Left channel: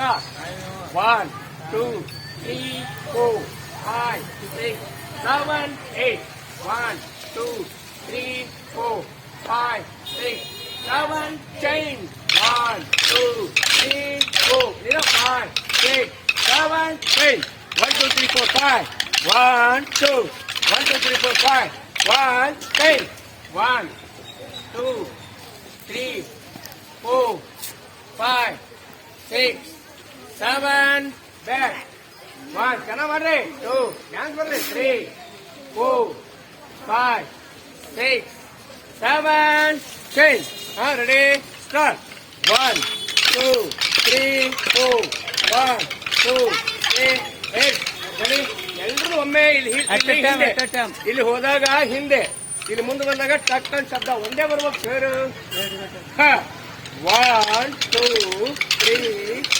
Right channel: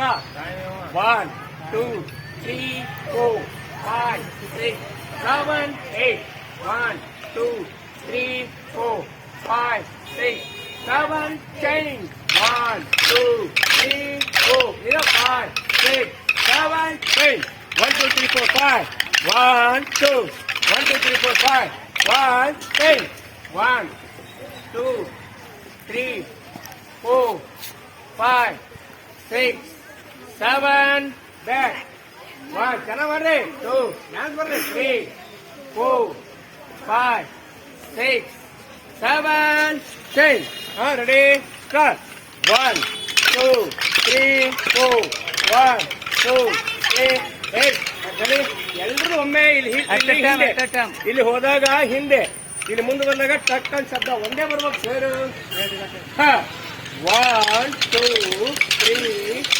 stop. 1, 2, 3, 4, 5, 6, 7, 8. 1, 2, 3, 4, 5, 6, 7, change. 1, 2, 3, 4. 5, 6, 7, 8. 1, 2, 3, 4, 5. 1, 2. 1, 2, 3, 4, 5. 1, 10. 1, 2, 3, 4, 5, 6, 7, back. 1, can I worry? 2, dance worry. 3, 4, 5, 6, 7, change. Ready? Start. 1, 2, 3, 4, 1, 2, 3, 8. Ready? ಎಲ್ಲರೂ ಒಮ್ಮೆ ಇಲ್ಲಿ ಹೋದಾಗ ಹಿಂದೆ ಇಲ್ಲಿ ಮುಂದೆ ಬಂದಾಗ ಟಕ್ ಅಂತ ಶಬ್ದ ಒಂದೇ ಬರ್ಬೇಕು ಸರ್. 1, 2, 3,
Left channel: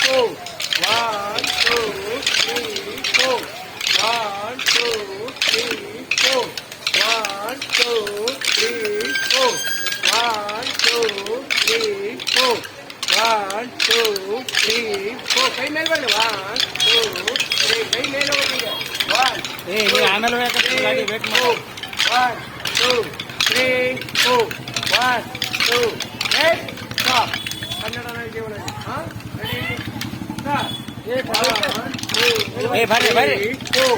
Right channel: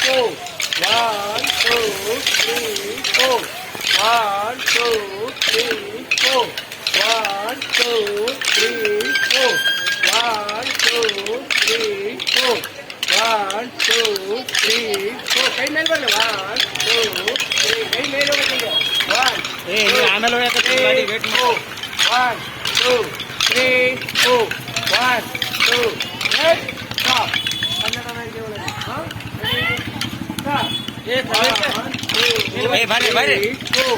4. 1, 2, 3, 4. 1, 2, 3, 4. 1, 2, 3, 4. 1, 2, 3, 4. 1, 2, 3, 4. ಕೈ ಮೇಲೆ ಬರಲ್ಲ. 1, 2, 3. ಕೈ ಮೇಲೆ ಬರಲ್ಲ. 1, 2, 3, 4. 1, 2, 3, 4. 1, 2, 8. Stop. ಕನ್ನಡ ಒಳಗೆ ಸ್ಟಾಪ್. 1, 2, 3, 4.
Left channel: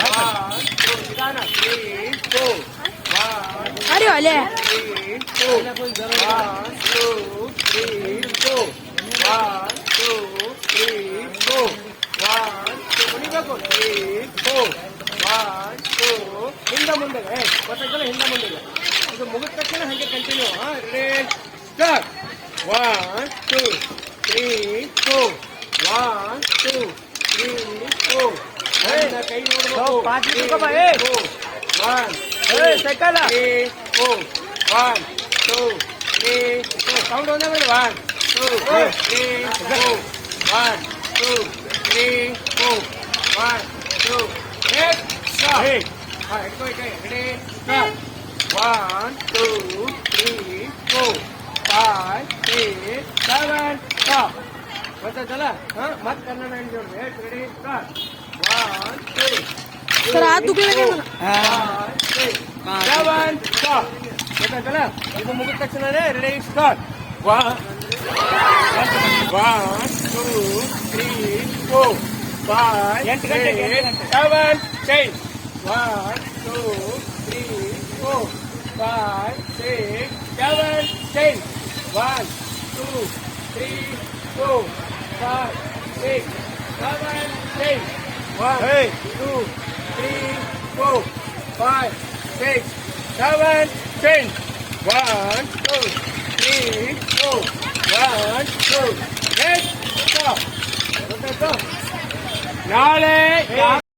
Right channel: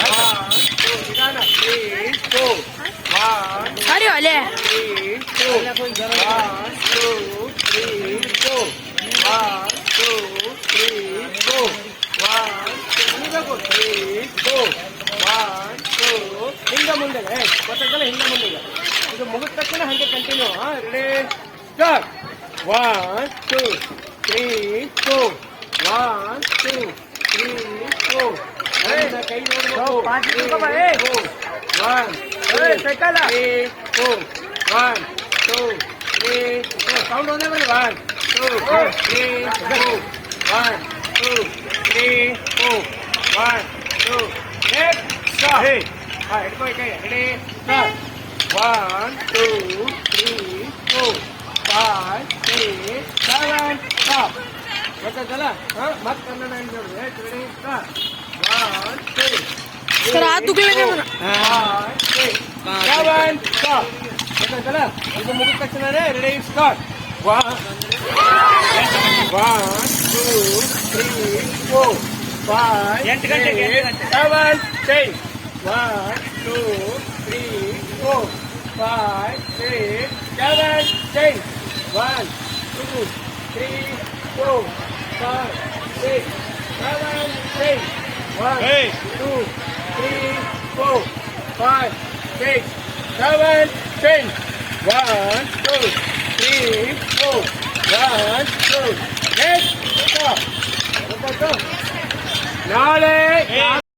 1, 2, 3, 4. 1, 2, 3, 4. 1, 2, 3, 4. 1, 2, 3, 4. 1, 2, 3, 4. 1, 2. ಹಿಂದೆ ಮುಂದೆ ಗೊತ್ತಾಗಲ್ಲ. ಹಿಂದೆ ಮುಂದೆ ಇದು ಮುಗಿದ ತಕ್ಷಣ ಹಂಗೆ ಕಂಟಿನ್ಯೂ. ಸ್ಟಾರ್ಟ್. 1, 2, 3, 4. 1, 2, 3, 4. ಕೈ ನೋಡಬೇಕು. 1, 2, 3, 4. 1, 2, 3, 4. ಸೌಂಡ್ ಒಂದೇ ಮಾಡಿ. 1, 2, 3, 4. 1, 2, 3, 4. 1, 2, 3. Stop. ಹಿಡ್ಕೊಳ್ಕೆ. ರೆಡಿ? ಸ್ಟಾರ್ಟ್. 1, 2, 3, 4, 5, 6, 7. ಸ್ಟಾಪ್. ಗೊತ್ತಾಯ್ತಲ್ಲ? ಮತ್ತೆ ಕನ್ನಡ ರೆಡಿ? ಸ್ಟಾರ್ಟ್. 1, 2. सर हाथ दुखले काय म्हणा. 7. ಸ್ಟಾಪ್. ಗೊತ್ತಾಯ್ತಲ್ಲ? ಇದು ಮುಗಿದ ತಕ್ಷಣನೇ ready? Start. 1, 2, 3, 4, 5, 6, 7, change. 1, 2, 3, 4, 5, 6, 7, change. 1, 2, 3, 4, 5, 6, 7, change. 1, 2, 3, 4, 5, 6, 7, change. 1, 2, 3, 4, 1, 2, 8. Stop. ಗೊತ್ತಾಯ್ತು? ನಾಳೆ